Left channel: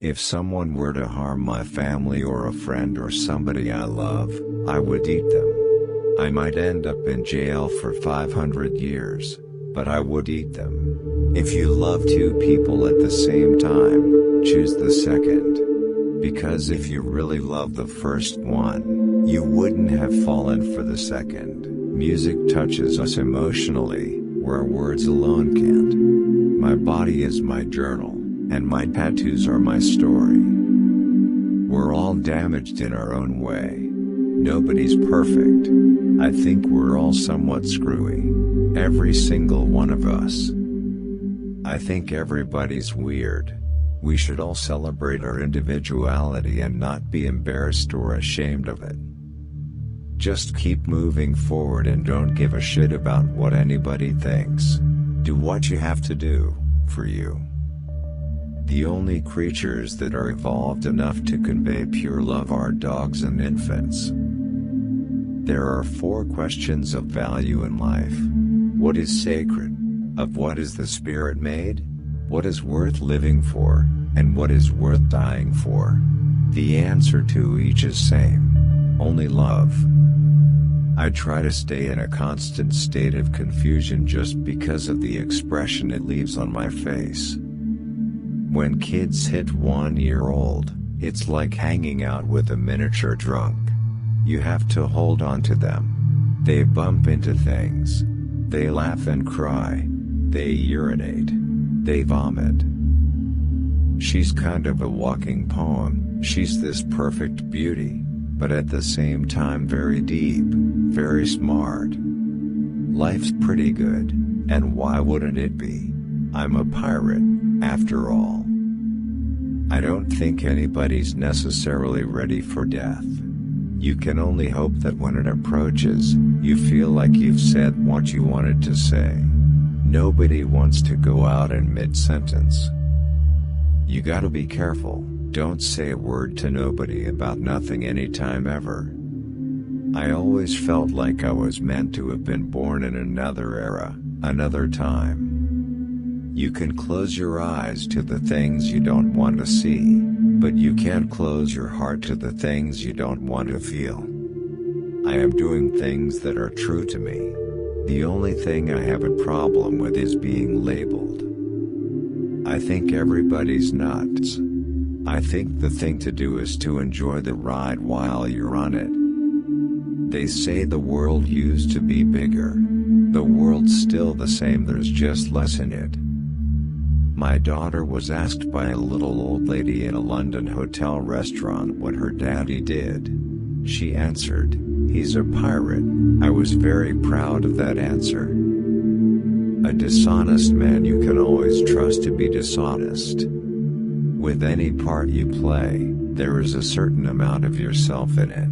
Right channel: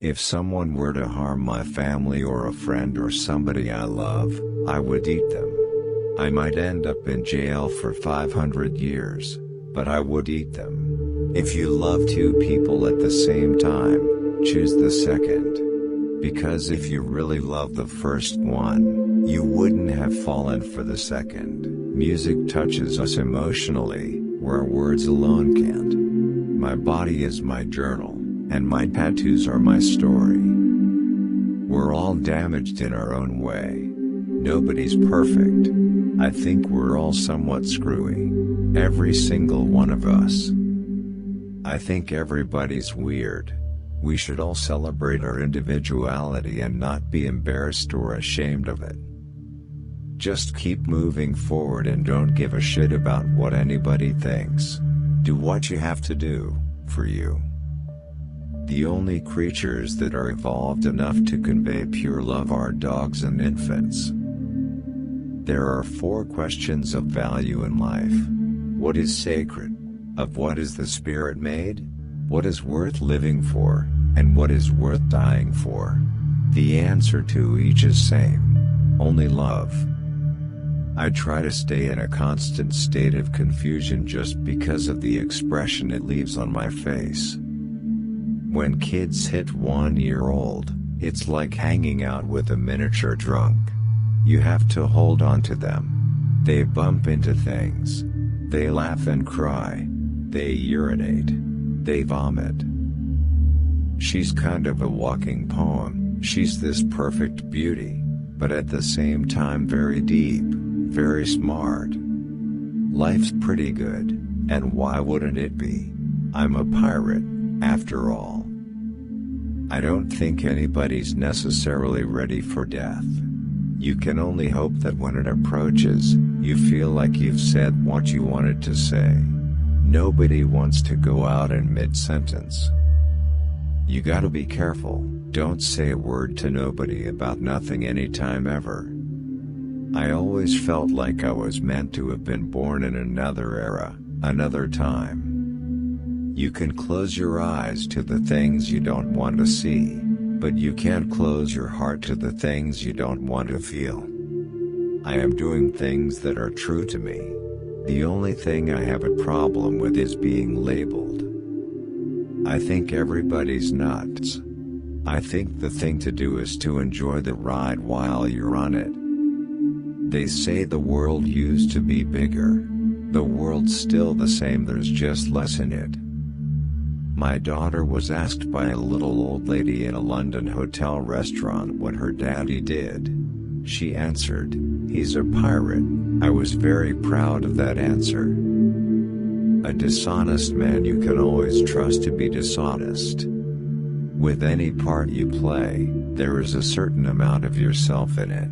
If someone were to harm my family or a friend or somebody I love, I would eat them. I might end up in jail for 500 years, but I would eat them. If you love two people at the same time, choose the second. Because if you really love the first one, you wouldn't have fallen for the second. Music touches us emotionally, where words alone can't. My body is my journal, and my tattoos are my story. We're all damaged in our own way. Nobody's perfect. I think we're all somewhat screwy. Every single one of us. I think everybody's weird. We should all celebrate our individuality and not be embarrassed or ashamed of it. Just keep moving forward and don't give a shit about what anybody thinks. Do what you have to do, for you. The only creatures that are evolved enough to convey pure love are dogs and infants. There are 4 questions of value in life. What is sacred? Of what is the spirit made? What is worth living for? And what is worth dying for? The answer to each is same. Only love. I try to stay in a constant state of confusion just because of the expression it leaves on my face. When kids hit 1 year old, it's like hanging out with a miniature drunk. You have to hold on to them. They bump into things. They laugh and cry. They urinate. They vomit. She's kind of a walking poem. She's this perfect beauty, but at the same time very deep, very smart. Life's pretty good, and why wouldn't it be? I'm a pirate, after all. I don't think anybody's necessarily ready for death. You can only hope that when it approaches, you feel like you've said what you wanted to say. Nobody wants to go out in mid-sentence. You gotta be careful, don't say a word to nobody about nothing anytime ever. I always felt like I was meant to have been born in another era, another time. You can close your eyes to the things you don't want to see, but you can't close your heart to the things you don't want to feel. I am doing things that are true to me. The only thing I have a problem with is being labeled. I think everybody's nuts. I think the thing to do is to enjoy the ride while you're on it. They say the world used to be bigger. The world's still the same, there's just less in it. My daughter was asked by a little old lady in a London hotel restaurant what her daddy did. She answered, "He's a pirate." I was very proud of that answer. A dishonest man you can always trust to be dishonest. With any part you play, there is a certain amount of yourself in it.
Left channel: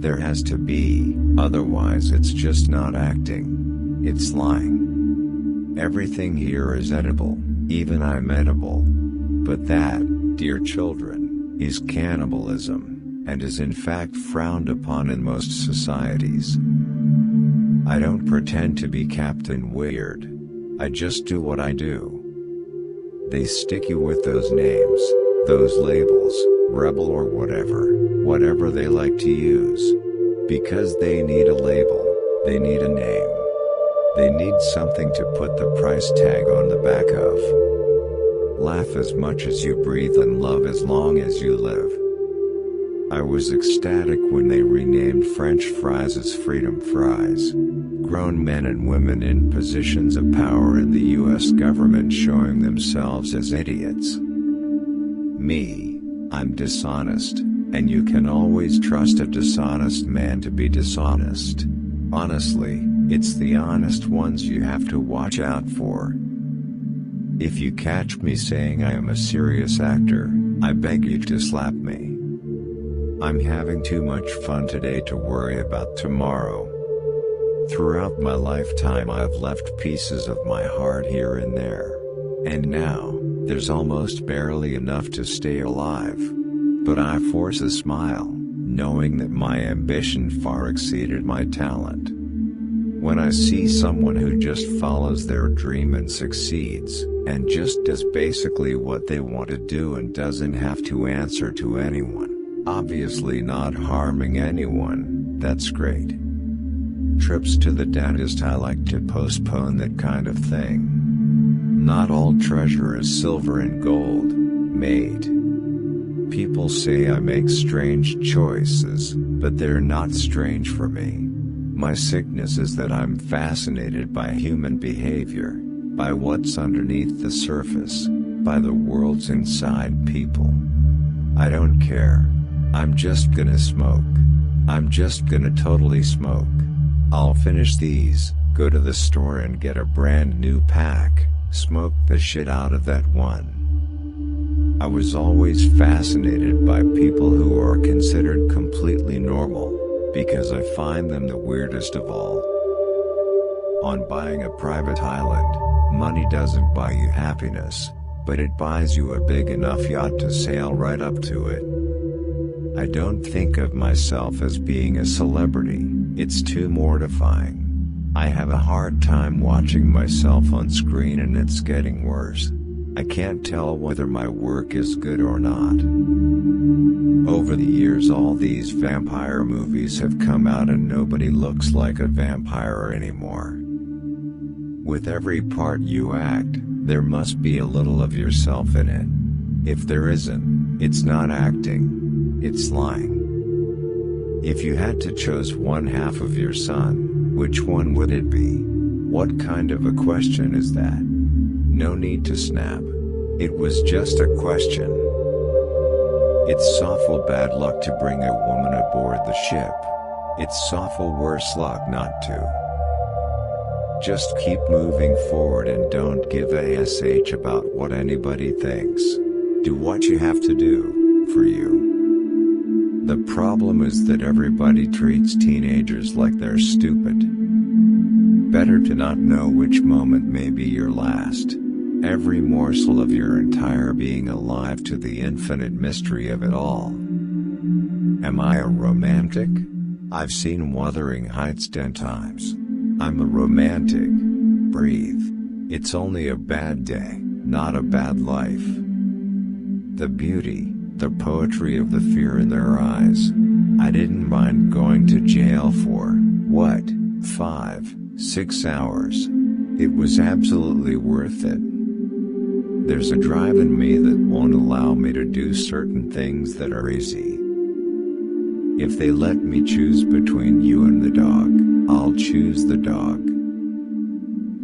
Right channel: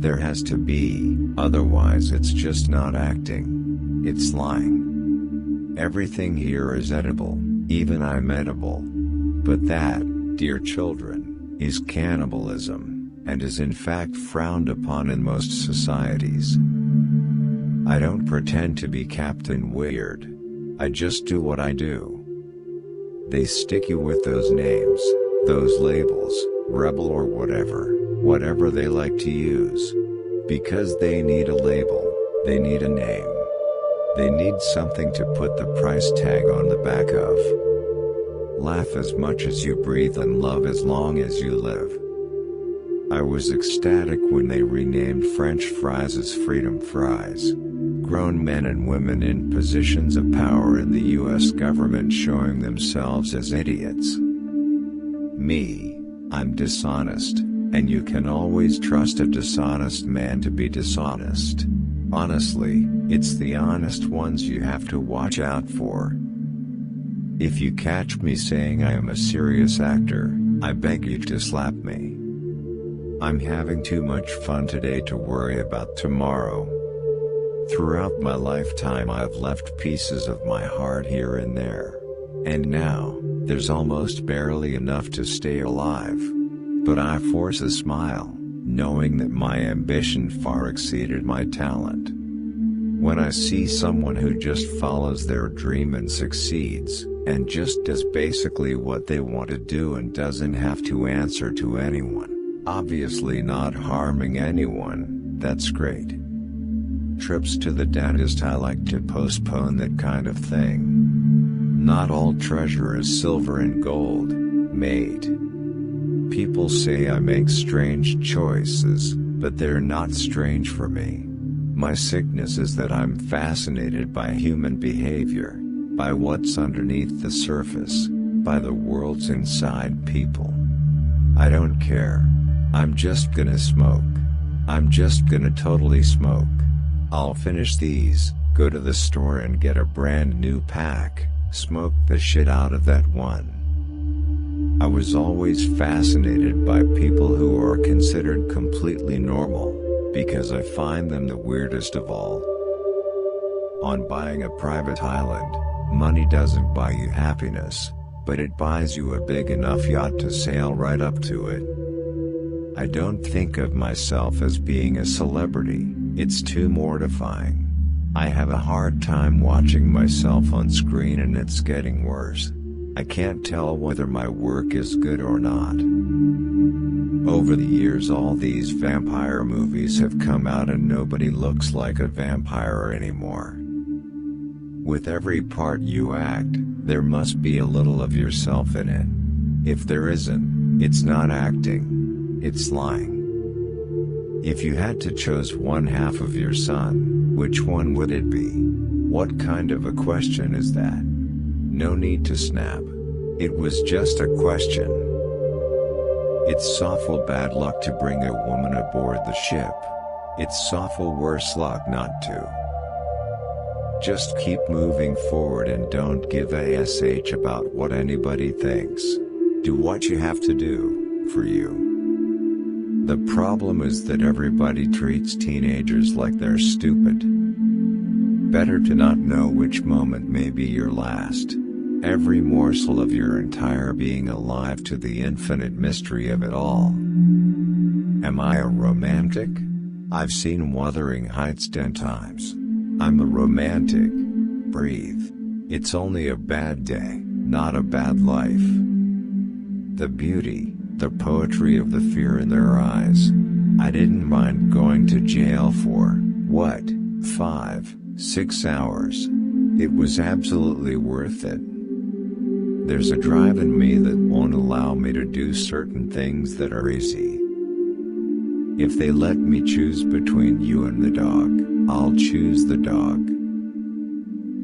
There has to be, otherwise it's just not acting. It's lying. Everything here is edible, even I'm edible. But that, dear children, is cannibalism, and is in fact frowned upon in most societies. I don't pretend to be Captain Weird. I just do what I do. They stick you with those names, those labels, rebel or whatever they like to use. Because they need a label, they need a name. They need something to put the price tag on the back of. Laugh as much as you breathe and love as long as you live. I was ecstatic when they renamed French fries as freedom fries. Grown men and women in positions of power in the US government showing themselves as idiots. Me, I'm dishonest, and you can always trust a dishonest man to be dishonest. Honestly, it's the honest ones you have to watch out for. If you catch me saying I am a serious actor, I beg you to slap me. I'm having too much fun today to worry about tomorrow. Throughout my lifetime I've left pieces of my heart here and there. And now, there's almost barely enough to stay alive. But I force a smile, knowing that my ambition far exceeded my talent. When I see someone who just follows their dream and succeeds, and just does basically what they want to do and doesn't have to answer to anyone, obviously not harming anyone, that's great. Trips to the dentist, I like to postpone that kind of thing. Not all treasure is silver and gold, mate. People say I make strange choices, but they're not strange for me. My sickness is that I'm fascinated by human behavior, by what's underneath the surface, by the worlds inside people. I don't care. I'm just gonna smoke. I'm just gonna totally smoke. I'll finish these, go to the store and get a brand new pack, smoke the shit out of that one. I was always fascinated by people who are considered completely normal, because I find them the weirdest of all. On buying a private island, money doesn't buy you happiness, but it buys you a big enough yacht to sail right up to it. I don't think of myself as being a celebrity, it's too mortifying. I have a hard time watching myself on screen and it's getting worse. I can't tell whether my work is good or not. Over the years all these vampire movies have come out and nobody looks like a vampire anymore. With every part you act, there must be a little of yourself in it. If there isn't, it's not acting, it's lying. If you had to choose one half of your son, which one would it be? What kind of a question is that? No need to snap. It was just a question. It's awful bad luck to bring a woman aboard the ship. It's awful worse luck not to. Just keep moving forward and don't give a sh about what anybody thinks. Do what you have to do, for you. The problem is that everybody treats teenagers like they're stupid. Better to not know which moment may be your last. Every morsel of your entire being alive to the infinite mystery of it all. Am I a romantic? I've seen Wuthering Heights 10 times. I'm a romantic. Breathe. It's only a bad day, not a bad life. The beauty, the poetry of the fear in their eyes. I didn't mind going to jail for, what, 5, 6 hours. It was absolutely worth it. There's a drive in me that won't allow me to do certain things that are easy. If they let me choose between you and the dog, I'll choose the dog.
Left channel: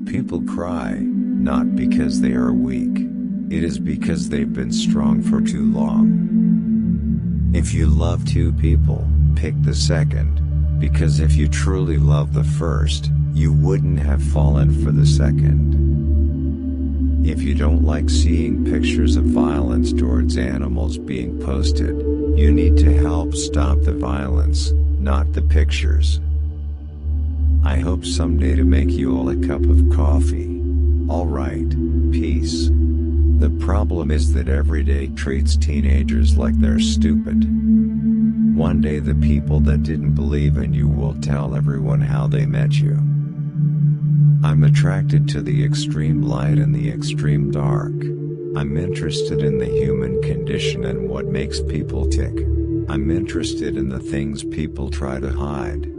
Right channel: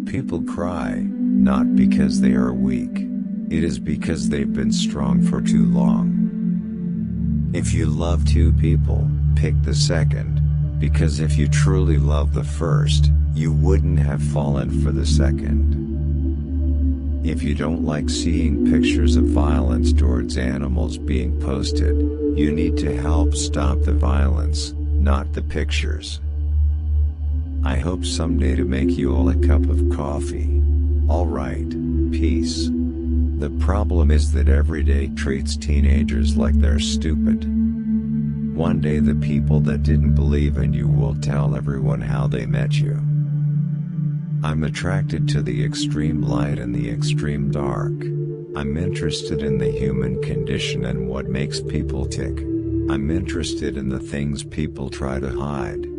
People cry, not because they are weak. It is because they've been strong for too long. If you love two people, pick the second, because if you truly love the first, you wouldn't have fallen for the second. If you don't like seeing pictures of violence towards animals being posted, you need to help stop the violence, not the pictures. I hope someday to make you all a cup of coffee. Alright, peace. The problem is that every day treats teenagers like they're stupid. One day the people that didn't believe in you will tell everyone how they met you. I'm attracted to the extreme light and the extreme dark. I'm interested in the human condition and what makes people tick. I'm interested in the things people try to hide.